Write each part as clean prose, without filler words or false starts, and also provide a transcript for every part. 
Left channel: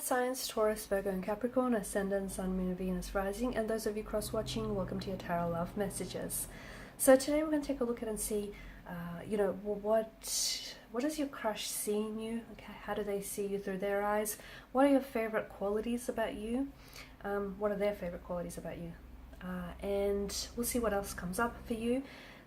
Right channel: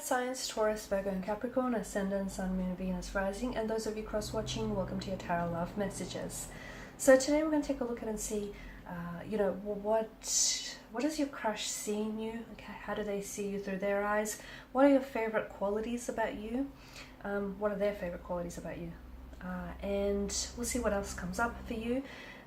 earth signs Taurus, Virgo and Capricorn, ascendant, sun, moon, Venus, rising, and those of you cross-watching, welcome to your tarot love messages. So today we're going to take a look at and see, what does your crush see in you? Okay, how do they see you through their eyes? What are your favorite qualities about you? What are their favorite qualities about you? And we'll see what else comes up for you.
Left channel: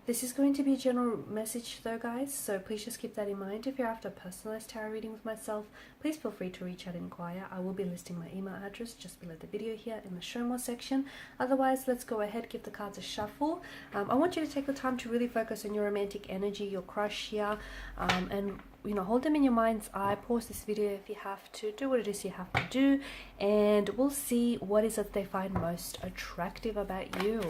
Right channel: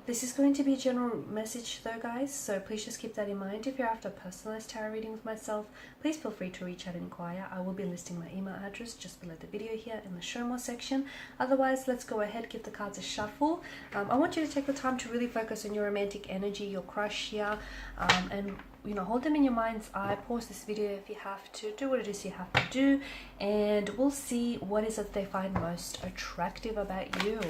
This is going to be a general message though, guys, so please just keep that in mind. If you're after a personalized tarot reading with myself, please feel free to reach out and inquire. I will be listing my email address just below the video here in the show more section. Otherwise, let's go ahead, give the cards a shuffle. I want you to take the time to really focus on your romantic energy, your crush here, and hold them in your mind's eye. Pause this video if you have to, do what it is you have to do, and we'll see what is it they find most attractive about you.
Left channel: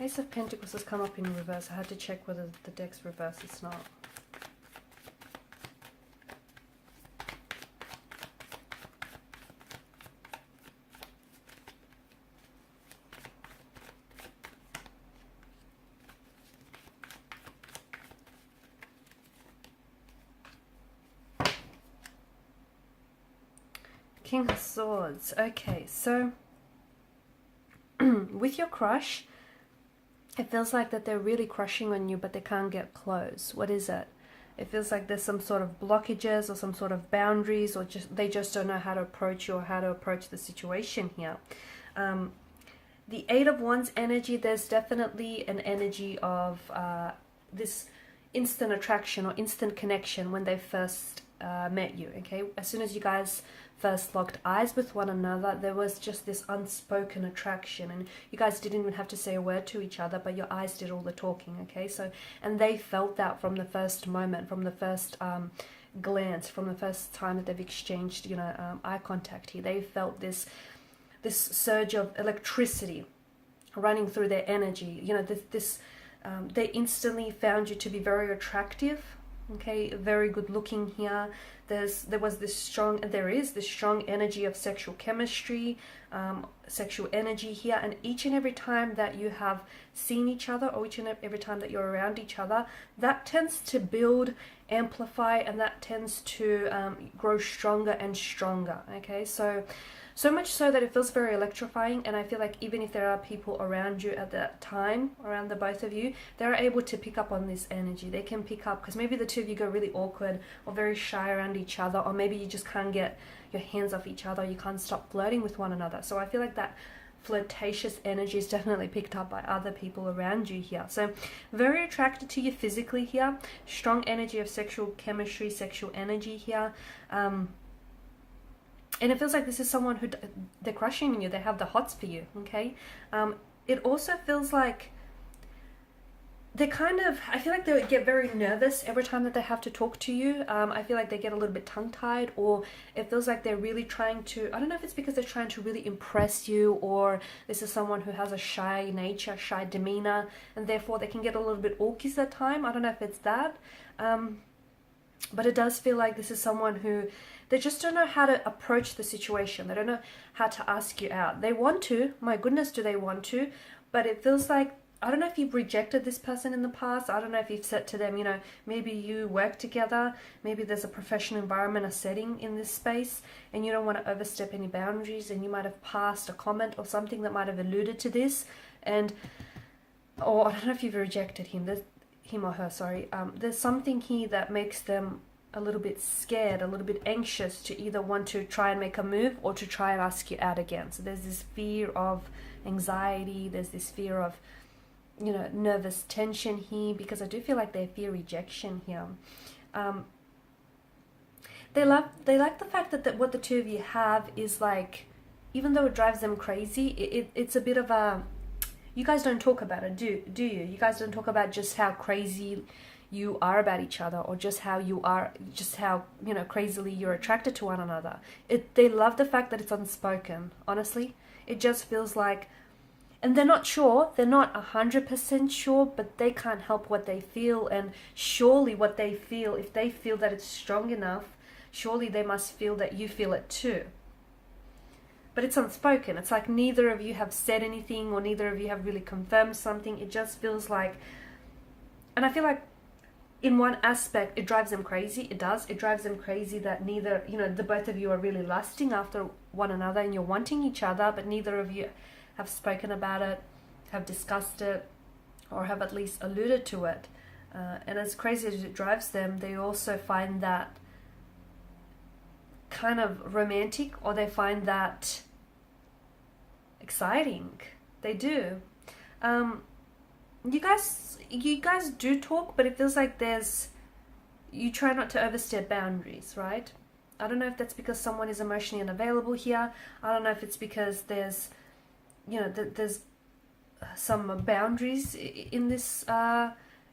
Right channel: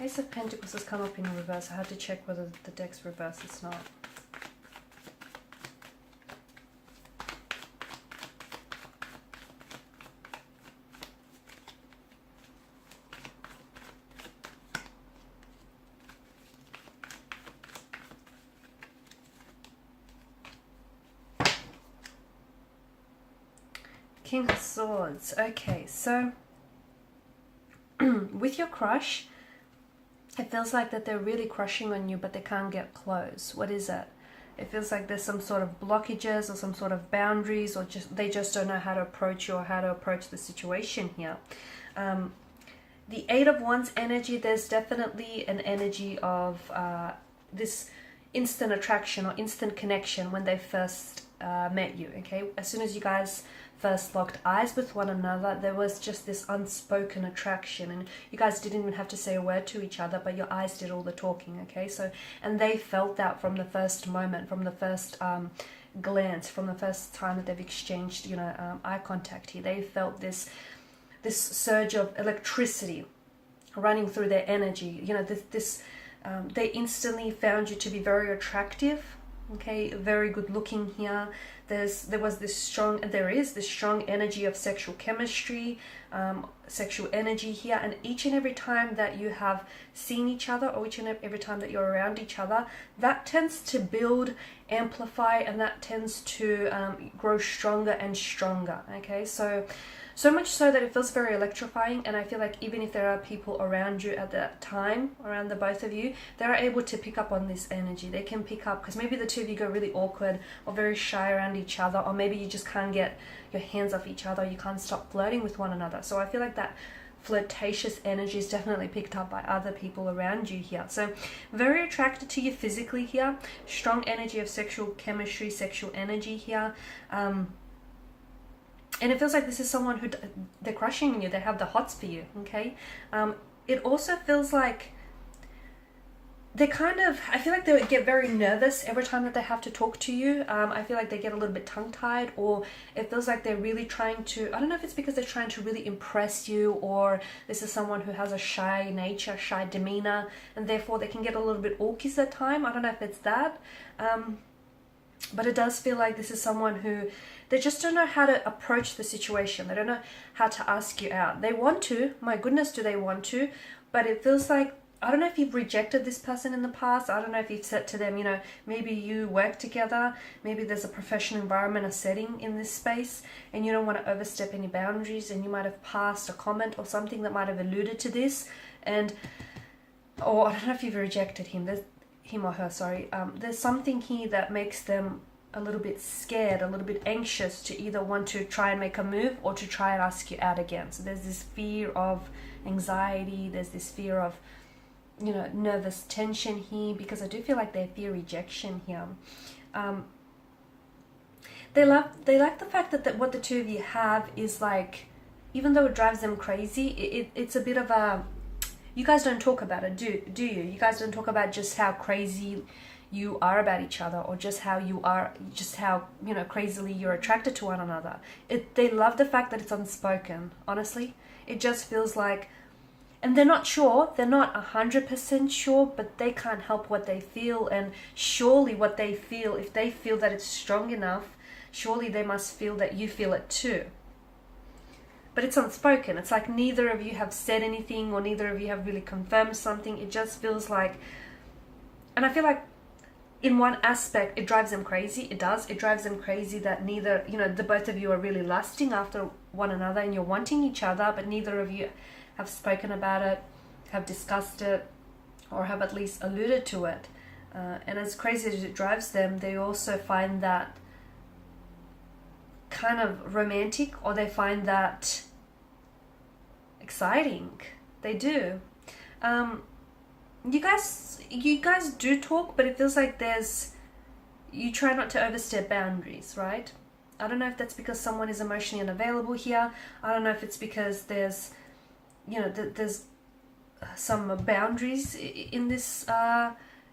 Ace of Pentacles has come up in reverse. I had to check whether the deck's reversed. It's not. King of Swords. Okay, so with your crush, it feels like that they're really crushing on you, but they can't get close. What is it? It feels like there's some sort of blockages or some sort of boundaries, or they just don't know how to approach you or how to approach the situation here. The Eight of Wands energy, there's definitely an energy of this instant attraction or instant connection when they first met you, okay? As soon as you guys first locked eyes with one another, there was just this unspoken attraction, and you guys didn't even have to say a word to each other, but your eyes did all the talking, okay? So, and they felt that from the first moment, from the first glance, from the first time that they've exchanged, eye contact here. They felt this surge of electricity running through their energy. They instantly found you to be very attractive, okay? Very good looking here. There is this strong energy of sexual chemistry, sexual energy here, and each and every time that you have seen each other, or each and every time that you're around each other, that tends to build, amplify, and that tends to grow stronger and stronger, okay? So much so that it feels very electrifying, and I feel like even if there are people around you at that time, around the both of you, they're able to pick up on this energy. They can pick up, because maybe the two of you go really awkward or very shy around each other, or maybe you just can't get your hands off each other, you can't stop flirting with one another. So I feel like that flirtatious energy is definitely picked up by other people around you here. So very attracted to you physically here, strong energy of sexual chemistry, sexual energy here. And it feels like this is someone who they're crushing on you. They have the hots for you, okay? It also feels like I feel like they get very nervous every time that they have to talk to you. I feel like they get a little bit tongue-tied, or it feels like they're really trying to, I don't know if it's because they're trying to really impress you, or this is someone who has a shy nature, shy demeanor, and therefore they can get a little bit awkward at time. I don't know if it's that. But it does feel like this is someone who, they just don't know how to approach the situation. They don't know how to ask you out. They want to, my goodness, do they want to? But it feels like, I don't know if you've rejected this person in the past. I don't know if you've said to them, maybe you work together. Maybe there's a professional environment, a setting in this space, and you don't want to overstep any boundaries, and you might have passed a comment or something that might have alluded to this. Or I don't know if you've rejected him. Him or her, sorry. There's something here that makes them a little bit scared, a little bit anxious to either want to try and make a move or to try and ask you out again. So there's this fear of anxiety, there's this fear of, nervous tension here, because I do feel like they fear rejection here. They like the fact that what the two of you have is like, even though it drives them crazy, it's a bit of a You guys don't talk about it, do you? You guys don't talk about just how crazy you are about each other, or just how you are, just how, you know, crazily you're attracted to one another. They love the fact that it's unspoken, honestly. It just feels like, and they're not sure, they're not 100% sure, but they can't help what they feel, and surely what they feel, if they feel that it's strong enough, surely they must feel that you feel it too. But it's unspoken. It's like neither of you have said anything, or neither of you have really confirmed something. It just feels like, and I feel like in one aspect, it drives them crazy. It does. It drives them crazy that neither, you know, the both of you are really lusting after one another and you're wanting each other, but neither of you have spoken about it, have discussed it, or have at least alluded to it. And as crazy as it drives them, they also find that kind of romantic, or they find that exciting. They do. You guys do talk, but it feels like you try not to overstep boundaries, right? I don't know if that's because someone is emotionally unavailable here. I don't know if it's because there's, you know, there's some boundaries in this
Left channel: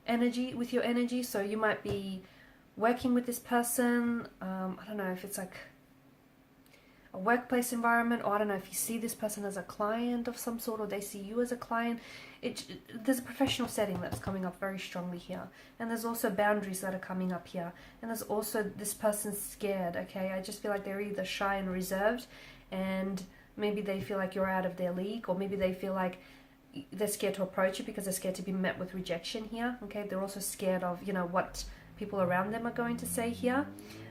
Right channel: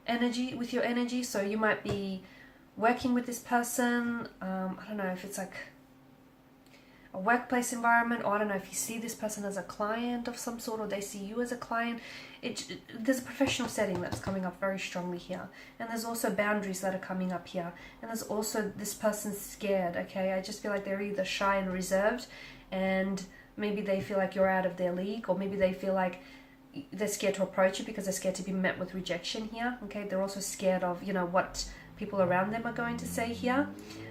energy, with your energy. So you might be working with this person. I don't know if it's like a workplace environment, or I don't know if you see this person as a client of some sort, or they see you as a client. There's a professional setting that's coming up very strongly here, and there's also boundaries that are coming up here, and there's also this person's scared. Okay, I just feel like they're either shy and reserved, and maybe they feel like you're out of their league, or maybe they feel like they're scared to approach you because they're scared to be met with rejection here. Okay, they're also scared of, you know, what people around them are going to say here.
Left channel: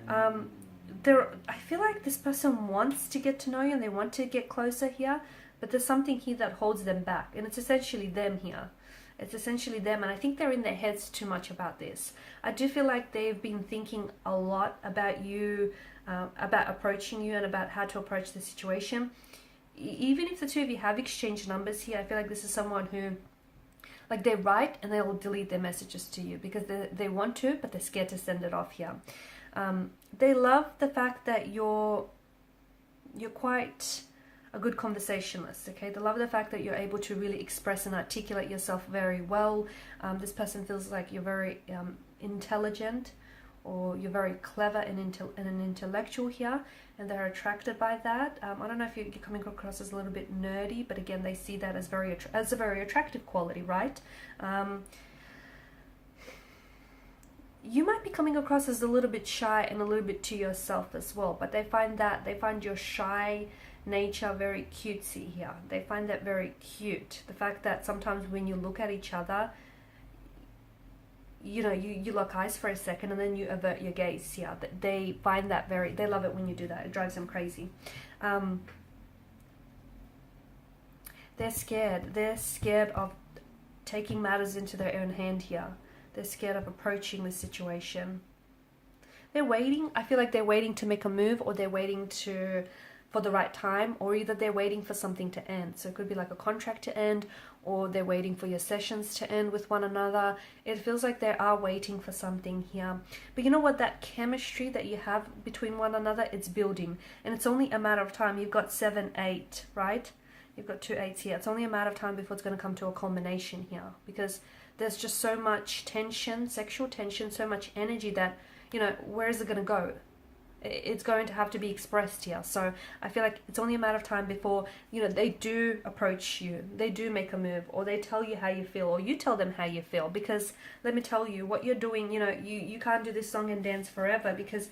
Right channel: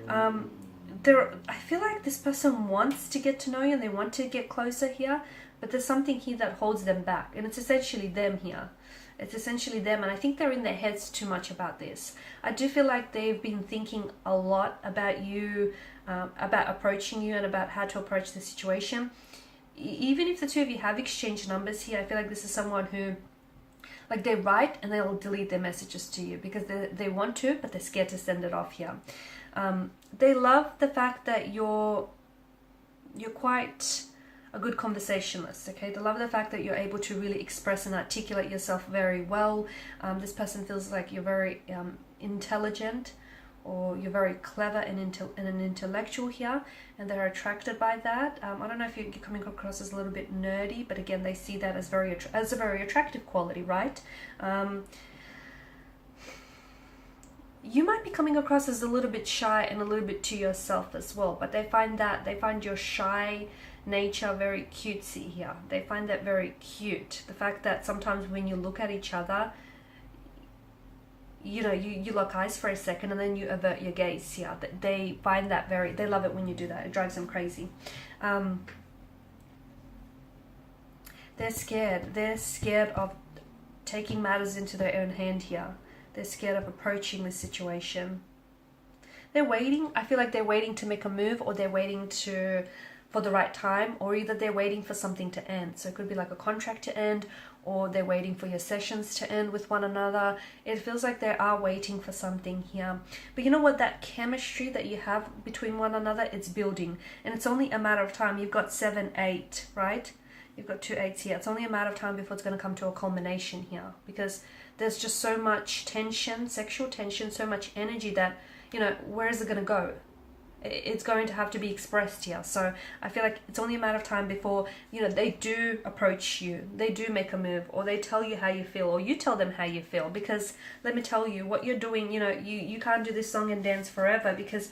I feel like this person wants to get to know you and they want to get closer here, but there's something here that holds them back, and it's essentially them here. It's essentially them, and I think they're in their heads too much about this. I do feel like they've been thinking a lot about you, about approaching you, and about how to approach the situation. Even if the two of you have exchanged numbers here, I feel like this is someone who, like, they write and they'll delete their messages to you because they want to, but they're scared to send it off here. They love the fact that you're quite a good conversationalist, okay? They love the fact that you're able to really express and articulate yourself very well. This person feels like you're very intelligent, or you're very clever and an intellectual here, and they're attracted by that. I don't know if you're coming across as a little bit nerdy, but again, they see that as a very attractive quality, right? You might be coming across as a little bit shy and a little bit to yourself as well, but they find your shy nature very cutesy here. They find that very cute. The fact that sometimes when you look at each other, you know, you lock eyes for a second and then you avert your gaze here. They find that they love it when you do that. It drives them crazy. They're scared. They're scared of taking matters into their own hand here. They're scared of approaching this situation. They're waiting. I feel like they're waiting to make a move, or they're waiting for the right time, or either they're waiting for something to end. So it could be like a contract to end, or they're waiting for your sessions to end with one another. It feels like they are waiting for something here. But you know what? That chemistry that you have between one another, it's building. And it's only a matter of time. You've got 7, 8, right? You've got 2 8s here. It's only a matter of time before it's going to come to a culmination here. Because there's just so much tension, sexual tension, so much energy that, you know, where is it going to go? It's going to have to be expressed here. So I feel like it's only a matter of time before, you know, they do approach you, they do make a move, or they tell you how you feel, or you tell them how you feel. Because let me tell you, what you're doing, you know, you can't do this song and dance forever, because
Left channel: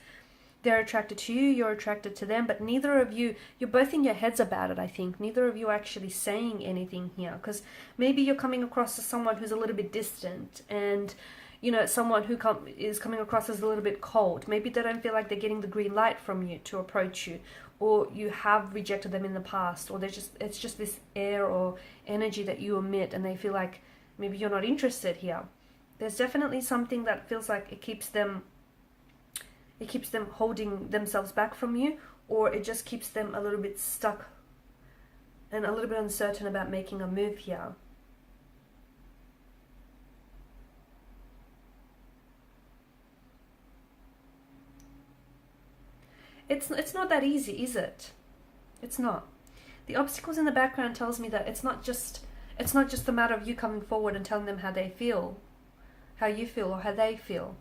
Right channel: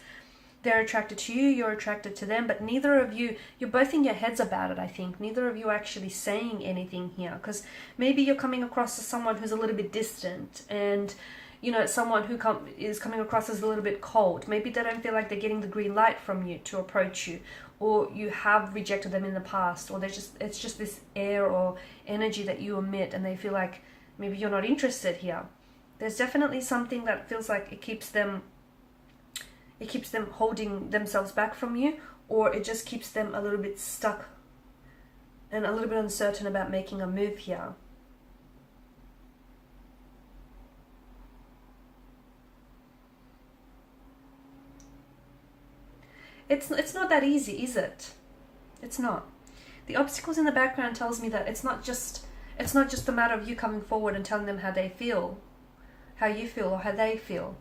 they're attracted to you, you're attracted to them, but neither of you, you're both in your heads about it, I think. Neither of you are actually saying anything here, because maybe you're coming across as someone who's a little bit distant, and, you know, someone who is coming across as a little bit cold. Maybe they don't feel like they're getting the green light from you to approach you, or you have rejected them in the past, or it's just this air or energy that you emit, and they feel like maybe you're not interested here. There's definitely something that feels like it keeps them holding themselves back from you, or it just keeps them a little bit stuck and a little bit uncertain about making a move here. It's not that easy, is it? It's not. The obstacles in the background tells me that it's not just It's not just a matter of you coming forward and telling them how they feel, how you feel, or how they feel.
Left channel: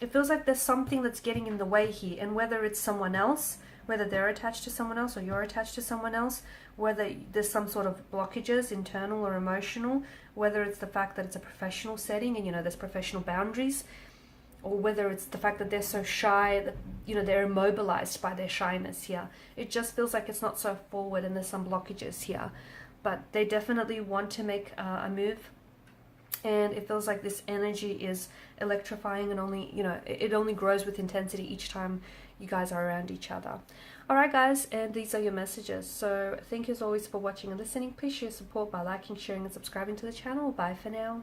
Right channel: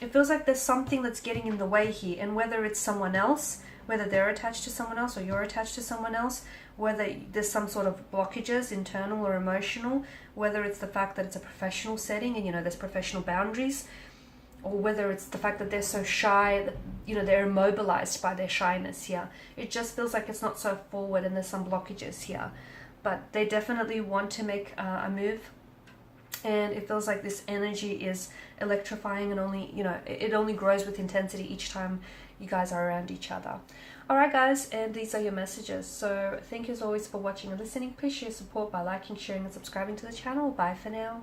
It feels like there's something that's getting in the way here, and whether it's someone else, whether they're attached to someone else or you're attached to someone else, whether there's some sort of blockages, internal or emotional, whether it's the fact that it's a professional setting and, you know, there's professional boundaries, or whether it's the fact that they're so shy that, you know, they're immobilized by their shyness here. It just feels like it's not so forward and there's some blockages here. But they definitely want to make a move. And it feels like this energy is electrifying and only, you know, it only grows with intensity each time you guys are around each other. Alright guys, and these are your messages. So thank you as always for watching and listening. Appreciate your support by liking, sharing and subscribing to the channel. Bye for now.